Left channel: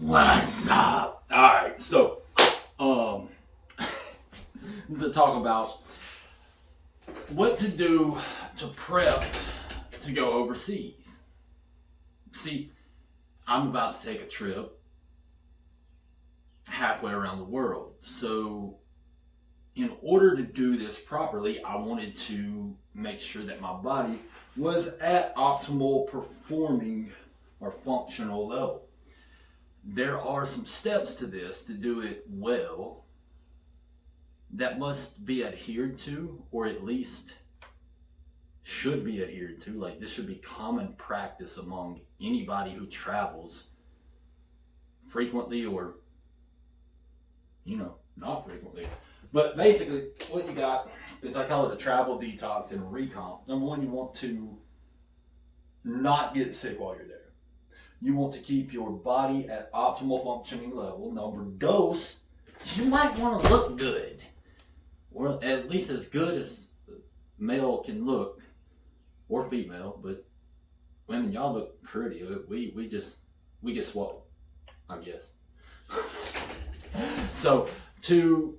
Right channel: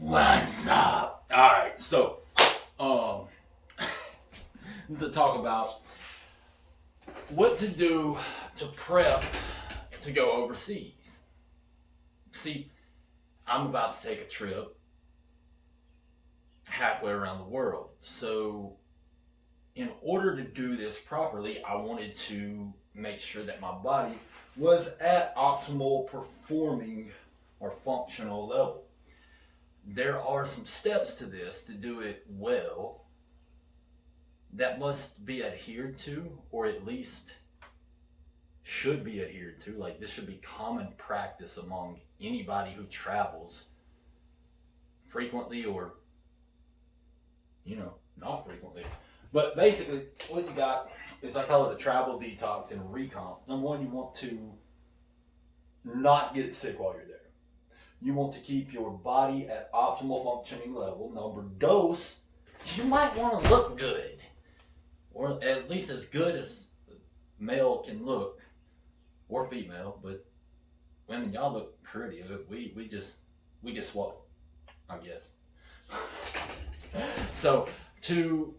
What's up? Alright, so this is to talk about what to do to prep to go overseas. See, I'm about to take a trip halfway around the world. So in order to do this properly, I wanted to make sure that my body was at optimal performing or functional level. There are some steps to this to do it well that must be adhered to, or at least should be adhered to. Like, this should be common practice among anybody who travels frequently or, not frequently. But basically, what you got is, I call it a travel detox and recomp. Number one, you want to not get sick while you're there. You want to keep your body at optimal functioning level. Number dos, you might want to look good, or at least as good as male can look, or female. But women, y'all look pretty. We get swole, I guess. So to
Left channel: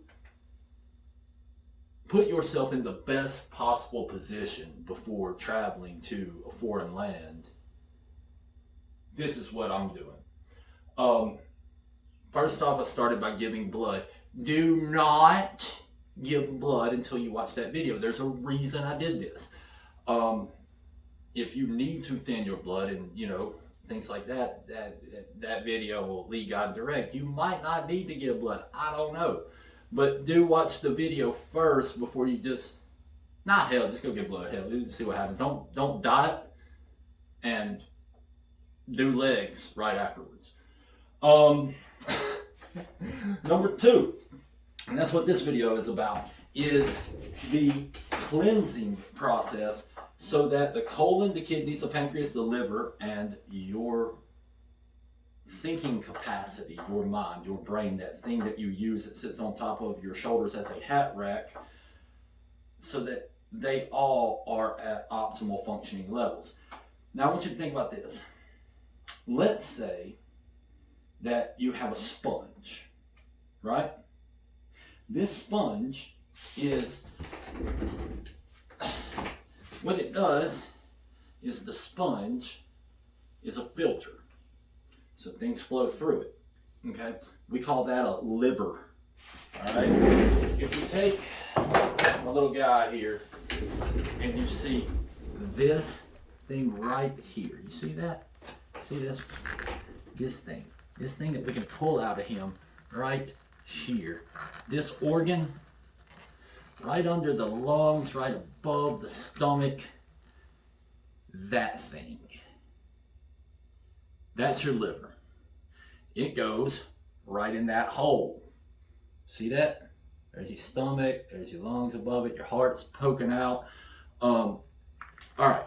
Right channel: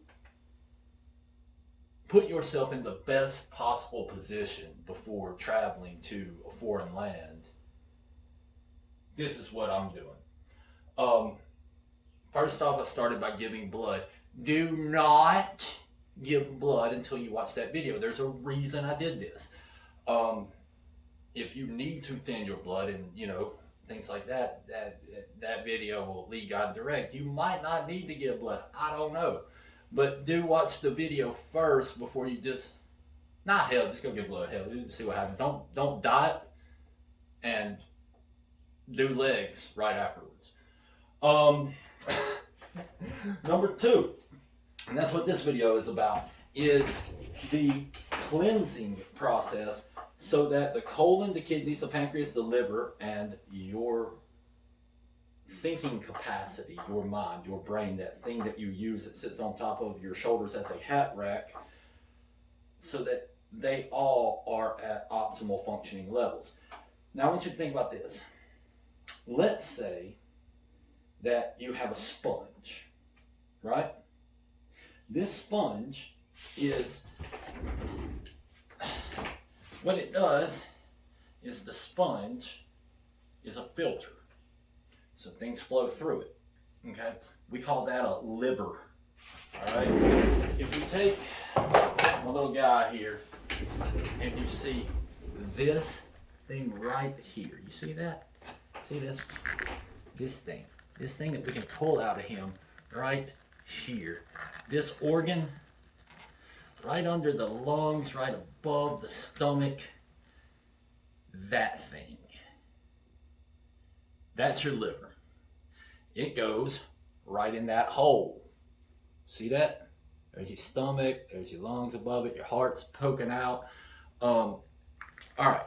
put yourself in the best possible position before traveling to a foreign land, this is what I'm doing. First off, I started by giving blood. Do not give blood until you watch that video. There's a reason I did this. If you need to thin your blood and things like that video will lead God direct. You might not need to give blood. I don't know. But do watch the video first before you just go get blood. Hell, see what happens. Don't diet and do legs right afterwards. Number two, and that's what this video is about, is the cleansing process so that the colon, the kidneys, the pancreas, the liver, and your thinking capacity, your mind, your brain, that thing that you use that sits on top of your shoulders as a hat rack, so that they all are at optimal functioning levels. Now I want you to think about this. Let's say that you have a sponge, right? This sponge is, what it does is, the sponge is a filter. So things flow through it, okay? We call that a liver, all right? If you take my little guy here and you see this thing right here, you see that? See this? This thing that we can pull out of him right here. This organ right under the lungs, right above the stomach, that thing. That's your liver. It goes right in that hole. See that? There's your stomach, there's your lungs above it, your heart's poking out. All right.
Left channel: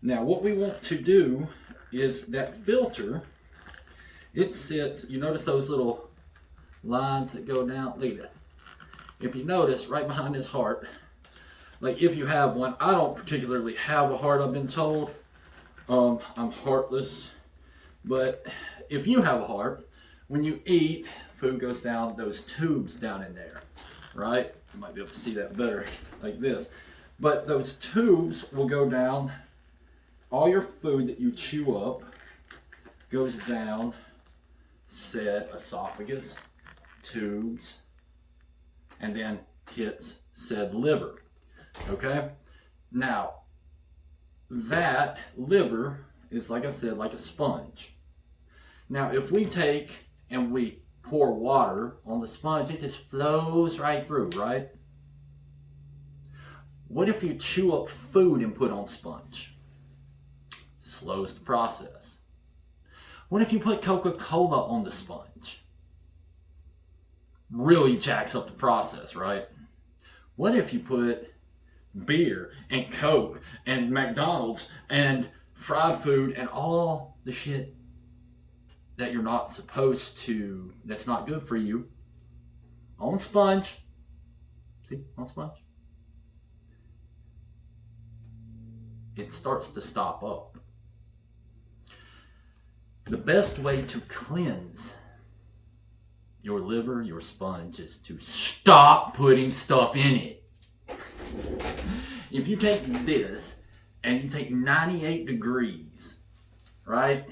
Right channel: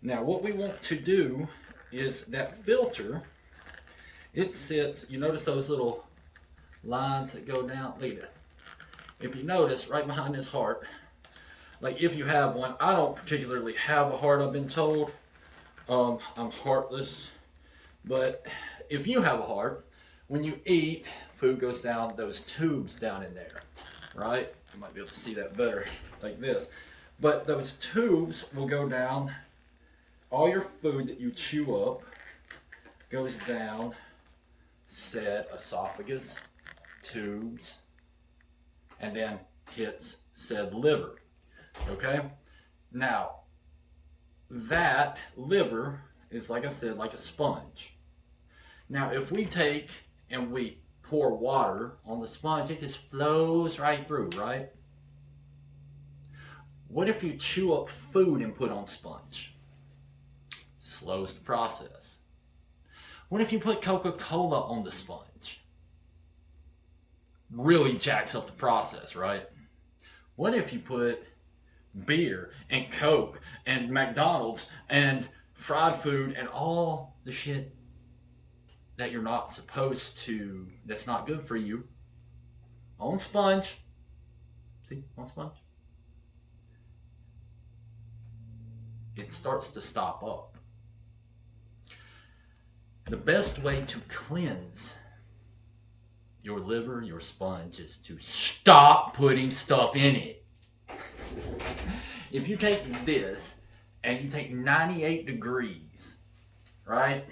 Now what we want to do is that filter, it sits, you notice those little lines that go down? Look at that. If you notice, right behind his heart, like if you have one, I don't particularly have a heart, I've been told. I'm heartless. But if you have a heart, when you eat, food goes down those tubes down in there, right? You might be able to see that better like this. But those tubes will go down. All your food that you chew up goes down said esophagus, tubes, and then hits said liver, okay? Now, that liver is, like I said, like a sponge. Now, if we take and we pour water on the sponge, it just flows right through, right? What if you chew up food and put on sponge? Slows the process. What if you put Coca-Cola on the sponge? Really jacks up the process, right? What if you put beer and Coke and McDonald's and fried food and all the shit that you're not supposed to, that's not good for you, on sponge? See, on sponge? It starts to stop up. The best way to cleanse your liver, your sponge, is to stop putting stuff in it. If you take this and you take 98 degrees, right?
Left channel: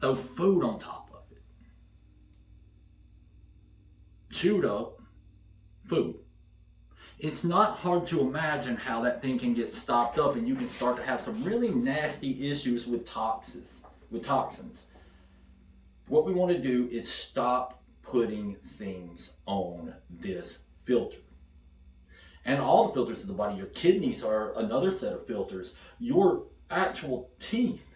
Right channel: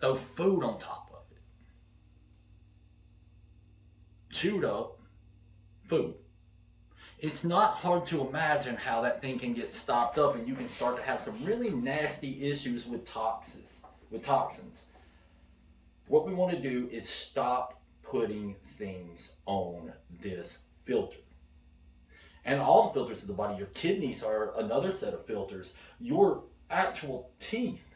Throw food on top of it. Chewed up food. It's not hard to imagine how that thing can get stopped up and you can start to have some really nasty issues with toxins. What we want to do is stop putting things on this filter. And all the filters of the body, your kidneys are another set of filters. Your actual teeth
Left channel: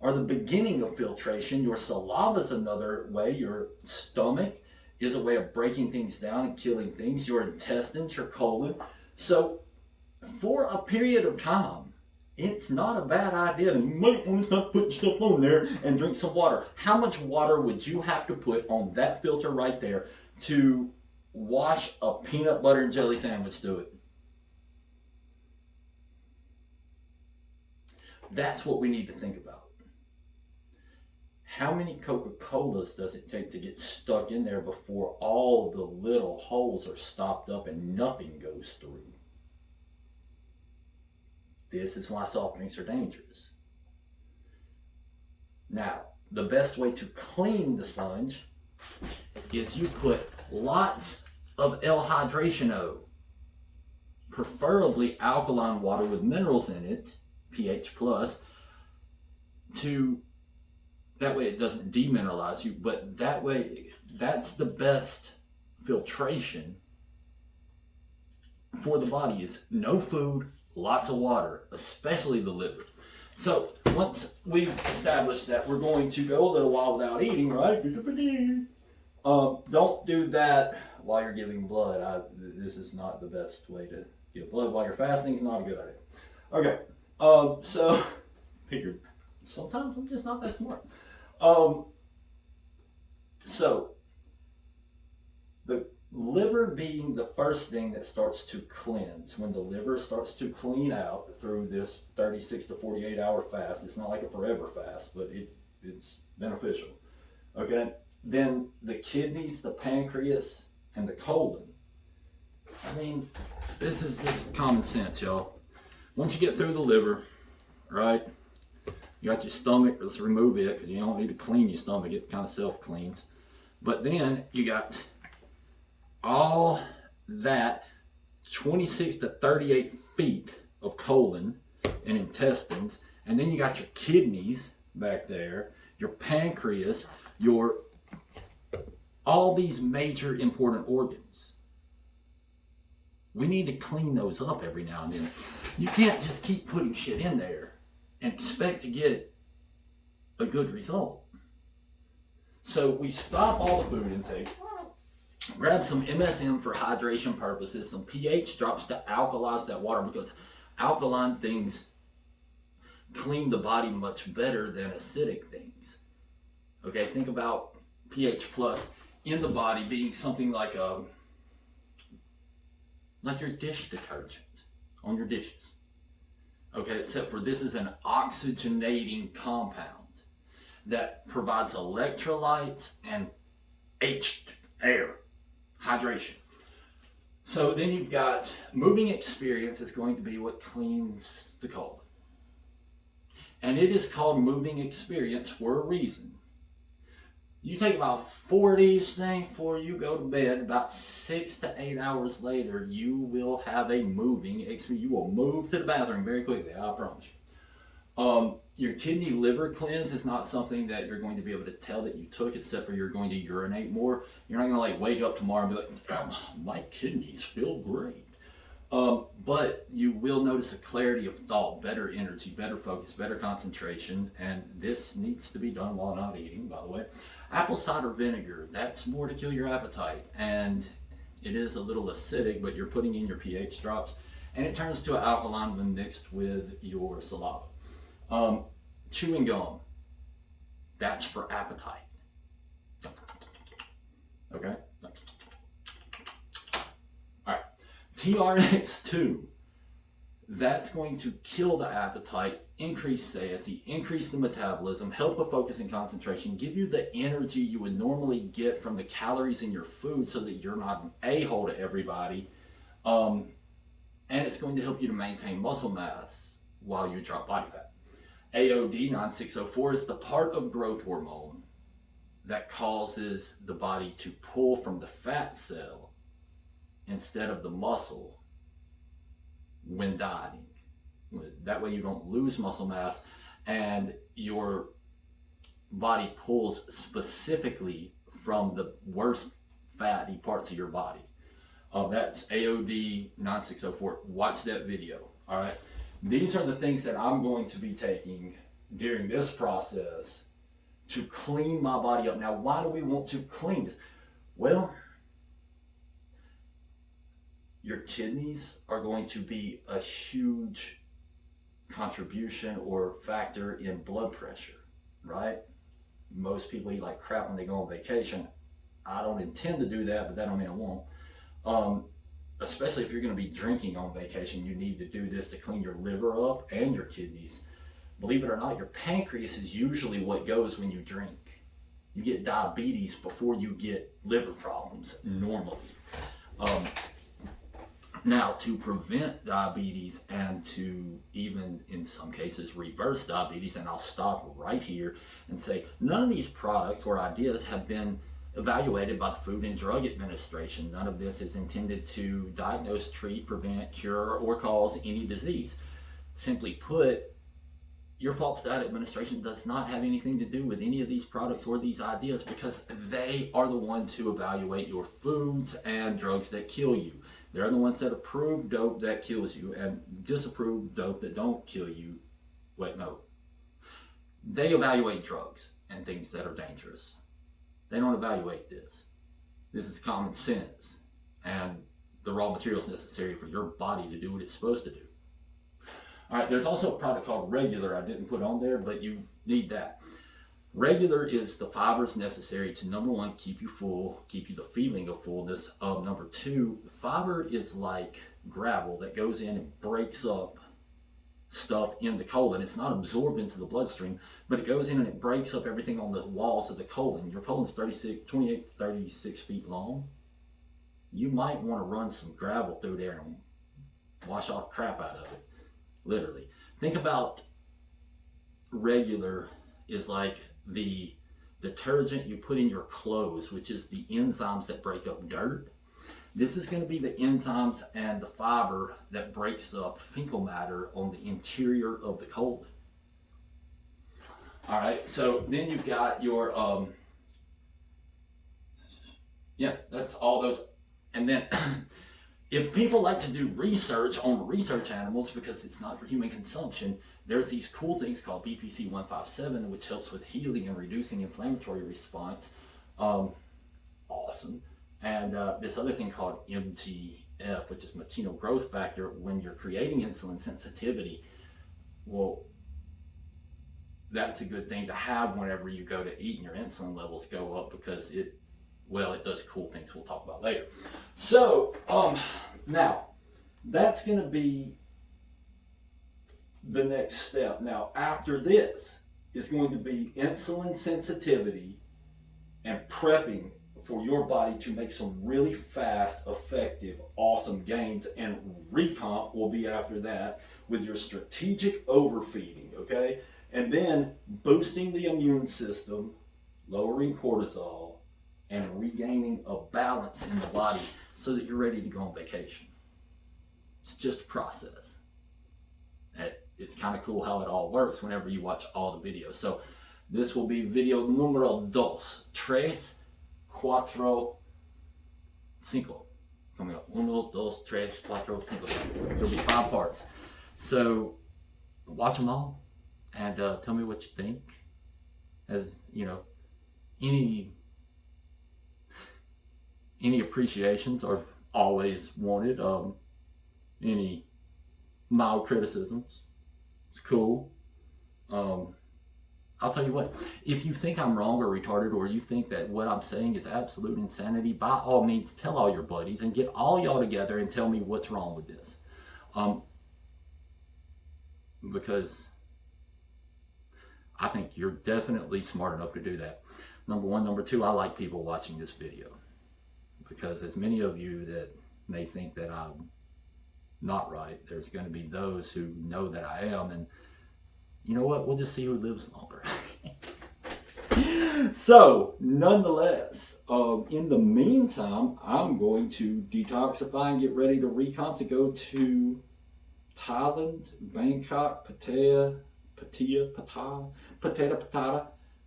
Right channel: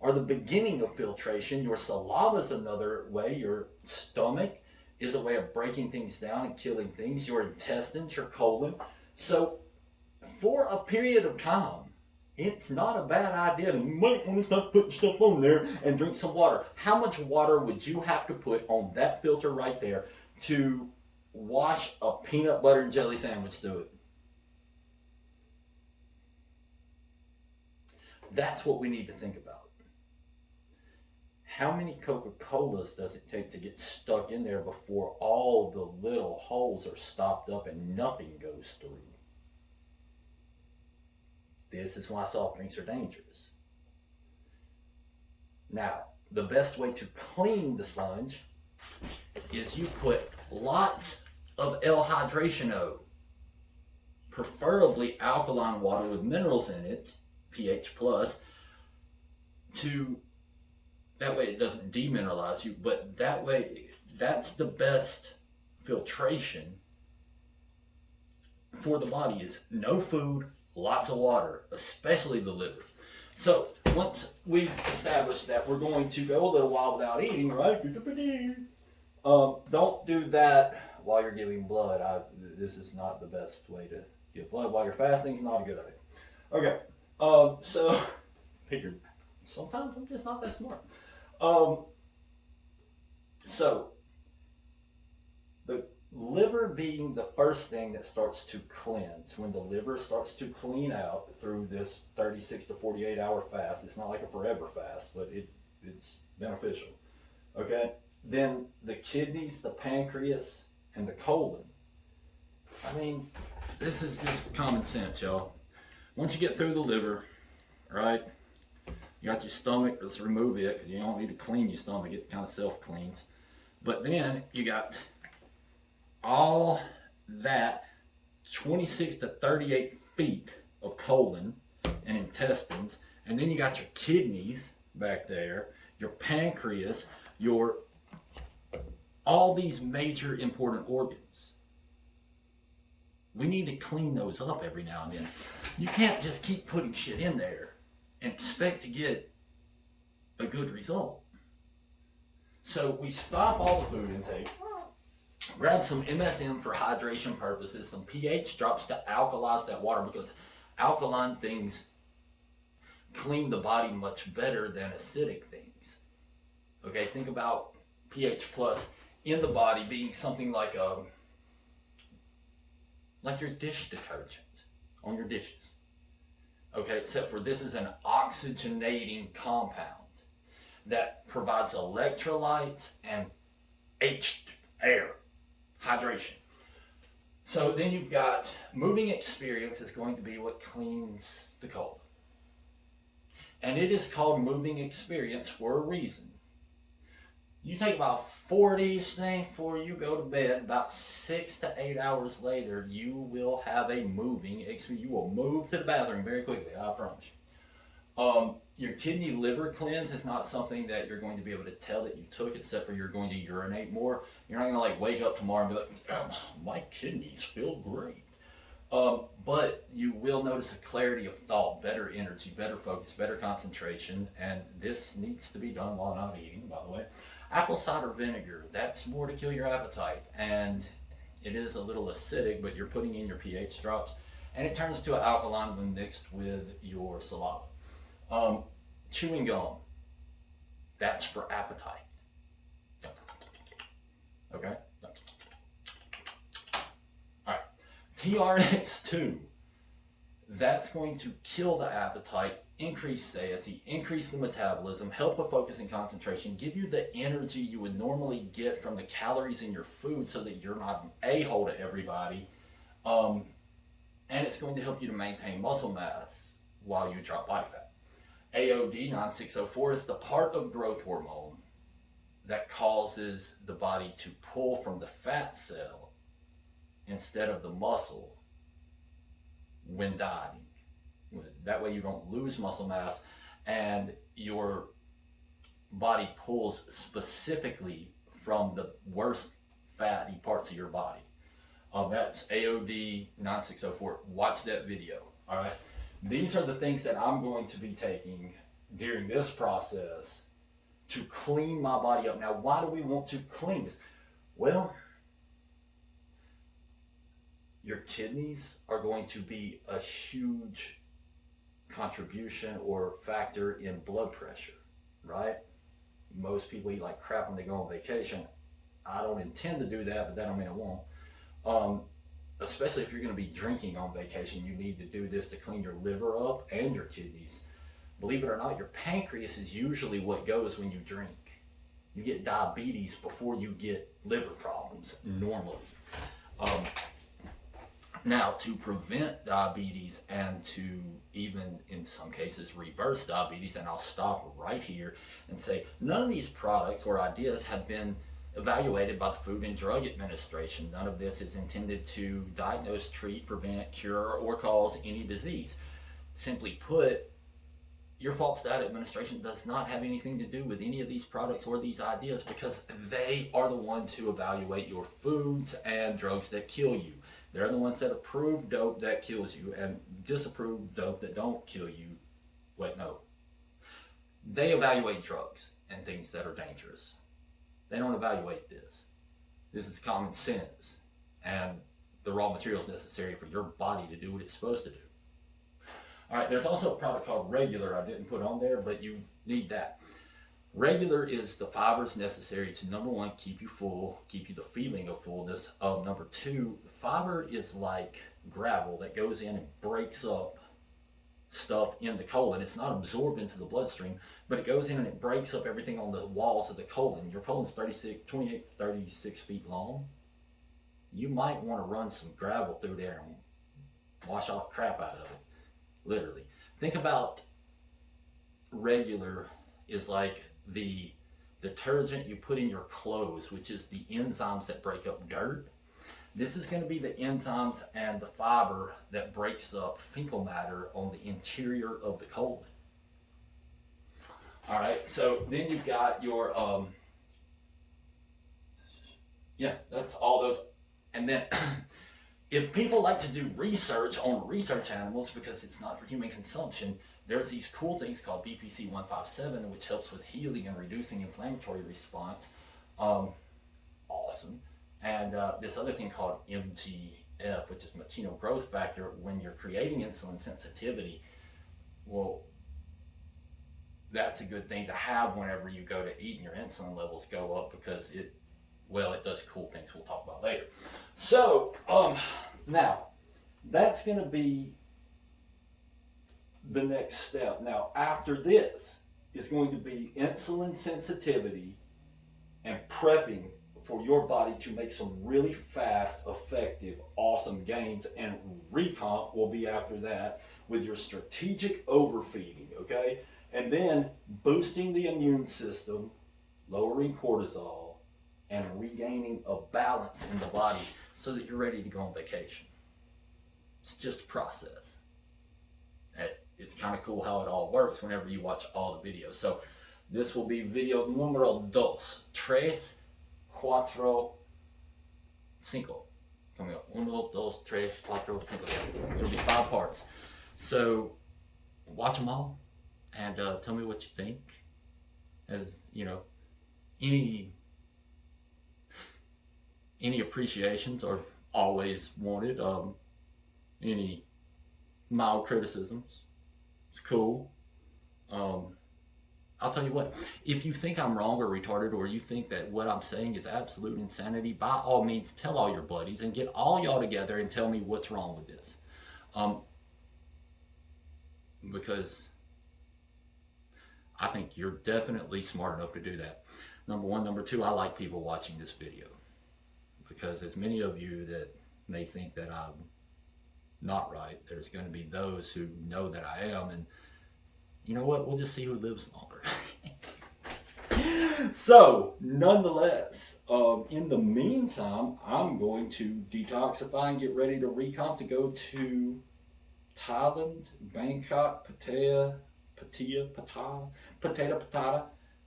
are the beginning of filtration. Your saliva is another way. Your stomach is a way of breaking things down and killing things. Your intestines, your colon. So for a period of time, it's not a bad idea. You might want to start putting stuff on there and drink some water. How much water would you have to put on that filter right there to wash a peanut butter and jelly sandwich through it? That's what we need to think about. How many Coca-Colas does it take to get stuck in there before all the little holes are stopped up and nothing goes through? This is why soft drinks are dangerous. Now, the best way to clean the sponge is you put lots of L-hydration O, preferably alkaline water with minerals in it, pH plus, that way it doesn't demineralize you, but that way, that's the best filtration for the body, is no food, lots of water, especially the liver. So once we've established that we're going to go a little while without eating, right? Don't do that while you're giving blood. This is not the best way to give blood while you're fasting. It's not a good idea. Okay, so figured sometimes I'm just not that smart. So the liver being the first thing that starts to cleanse. When the liver starts to clean out through this 36 to 48 hour fast, it's not like a forever fast, but it's beneficial. Okay, then the kidneys, the pancreas, and the colon. I mean, this is just common sense, y'all. Once you get through the liver, right, you got your stomach. Let's remove it because you don't need to clean your stomach. It kind of self-cleans. But then you got all that 26 to 38 feet of colon and intestines, and then you got your kidneys back there, your pancreas, all these major important organs. We need to clean those up every now and then. You can't just keep putting shit in there and expect to get a good result. So we stop all the food intake, grab some MSM for hydration purposes, some pH drops to alkalize that water, because alkaline things clean the body much better than acidic things. Okay, think about pH plus in the body being something like your dish detergent on your dishes. Okay, except for this is an oxygenating compound that provides electrolytes and air, hydration. So then you've got moving experience is going to be what cleans the colon. And it is called moving experience for a reason. You take about 4 days thing before you go to bed. About 6 to 8 hours later, you will have a moving experience. You will move to the bathroom very quickly, I promise you. Your kidney liver cleanse is not something that you're going to be able to tell that you took, except for you're going to urinate more. You're not going to like wake up tomorrow and be like, oh, my kidneys feel great. But you will notice a clarity of thought, better energy, better focus, better concentration, and this needs to be done while not eating, by the way. Apple cider vinegar, that's more to kill your appetite, and it is a little acidic, but you're putting in your pH drops, and it turns to an alkaline when mixed with your saliva. Chewing gum, that's for appetite. Okay? All right. TRX2, that's going to kill the appetite increase satiety, increase the metabolism, help with focus and concentration, give you the energy you would normally get from the calories in your food so that you're not an a-hole to everybody. And it's going to help you to maintain muscle mass while you drop body fat. AOD 9604 is the part of growth hormone that causes the body to pull from the fat cell instead of the muscle when dieting. That way you don't lose muscle mass and your body pulls specifically from the worst fatty parts of your body. That's AOD 9604. Watch that video. All right. These are the things that I'm going to be taking during this process to clean my body up. Now, why do we want to clean this? Well, your kidneys are going to be a huge contribution or factor in blood pressure, right? Most people eat like crap when they go on vacation. I don't intend to do that, but that don't mean I won't. Especially if you're going to be drinking on vacation, you need to do this to clean your liver up and your kidneys. Believe it or not, your pancreas is usually what goes when you drink. You get diabetes before you get liver problems normally. Now, to prevent diabetes and to even in some cases reverse diabetes, and I'll stop right here and say none of these products or ideas have been evaluated by the Food and Drug Administration. None of this is intended to diagnose, treat, prevent, cure, or cause any disease. Simply put, your False Diet Administration does not have anything to do with any of these products or these ideas because they are the ones who evaluate your foods and drugs that kill you. They're the ones that approve dope that kills you and disapprove dope that don't kill you. Wait, no. They evaluate drugs and things that are dangerous. They don't evaluate this. This is common sense and the raw materials necessary for your body to do what it's supposed to do. All right, there's also a product called Regular I didn't put on there, but you need that. Regular is the fibers necessary to, number one, keep you full, keep you the feeling of fullness. Number two, fiber is like gravel that goes in and breaks up stuff in the colon. It's not absorbed into the bloodstream, but it goes in and it breaks up everything on the walls of the colon. Your colon's 28 to 36 feet long. You might want to run some gravel through there and wash all the crap out of it, literally. Think about Regular is like the detergent you put in your clothes, which is the enzymes that break up dirt. This is going to be the enzymes and the fiber that breaks up fecal matter on the interior of the colon. All right, so then you've got your, that's all those. And then if people like to do research on research animals because it's not for human consumption, there's these cool things called BPC 157, which helps with healing and reducing inflammatory response. Awesome. And this other thing called MGF, which is Machino growth factor, when you're creating insulin sensitivity. Well, that's a good thing to have whenever you go to eat and your insulin levels go up because it does cool things we'll talk about later. So, now, that's going to be the next step. Now, after this is going to be insulin sensitivity and prepping for your body to make some really fast, effective, awesome gains, and recomp will be after that with your strategic overfeeding, okay? And then boosting the immune system, lowering cortisol, and regaining a balance in the body so that you're ready to go on vacation. It's just a process. It's kind of cool how it all works whenever you watch all the videos. So this will be video numero 2, 3, 4, 5. Coming up. 1, 2, 3, 4, 5. It'll be 5 parts. So watch them all and tell me what you think. As you know, any appreciations are always wanted. Any mild criticisms, it's cool. I'll tell you what, if you think I'm wrong or retarded, or you think that what I'm saying is absolute insanity, by all means tell all your buddies and get all y'all together and tell me what's wrong with this. Because I think you're definitely smart enough to do that. Number one. Number two, I like people watching this video, because as many of you that may think that I'm not right, there's going to be those who know that I am, and you know what? We'll just see who lives longer. So, nonetheless, in the meantime, I'm going to detoxify and get ready to recomp to go to Thailand, Bangkok, Pattaya,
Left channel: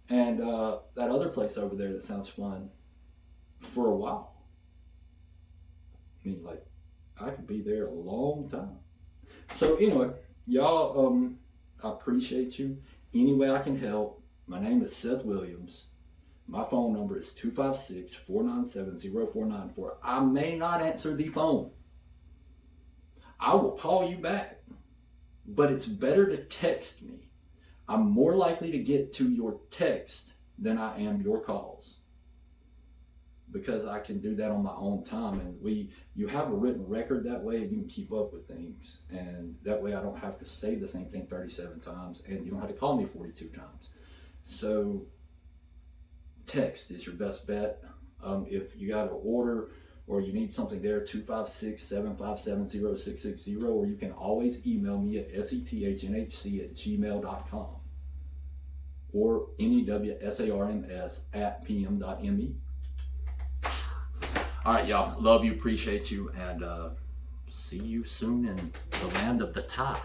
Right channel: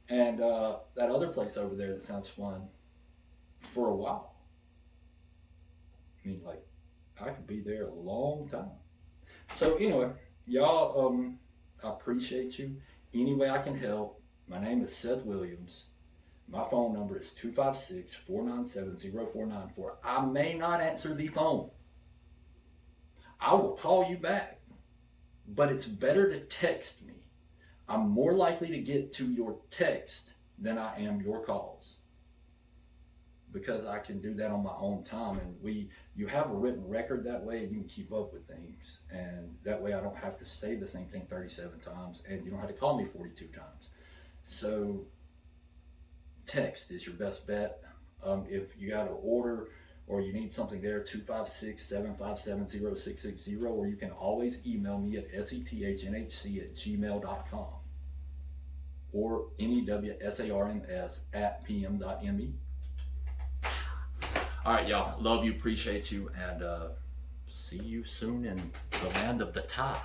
and that other place over there that sounds fun for a while. I mean, like, I could be there a long time. So anyway, y'all, I appreciate you. Any way I can help. My name is Seth Williams. My phone number is 256-497-0494. I may not answer the phone. I will call you back. But it's better to text me. I'm more likely to get to your text than I am your calls, because I can do that on my own time, and you have a written record that way, and you can keep up with things, and that way I don't have to say the same thing 37 times, and you don't have to call me 42 times. So text is your best bet. If you got to order or you need something there, 256-757-0660, or you can always email me at sethnhc@gmail.com or newsarms@pm.me. All right, y'all. Love you, appreciate you, and see you soon in the land of the Thai.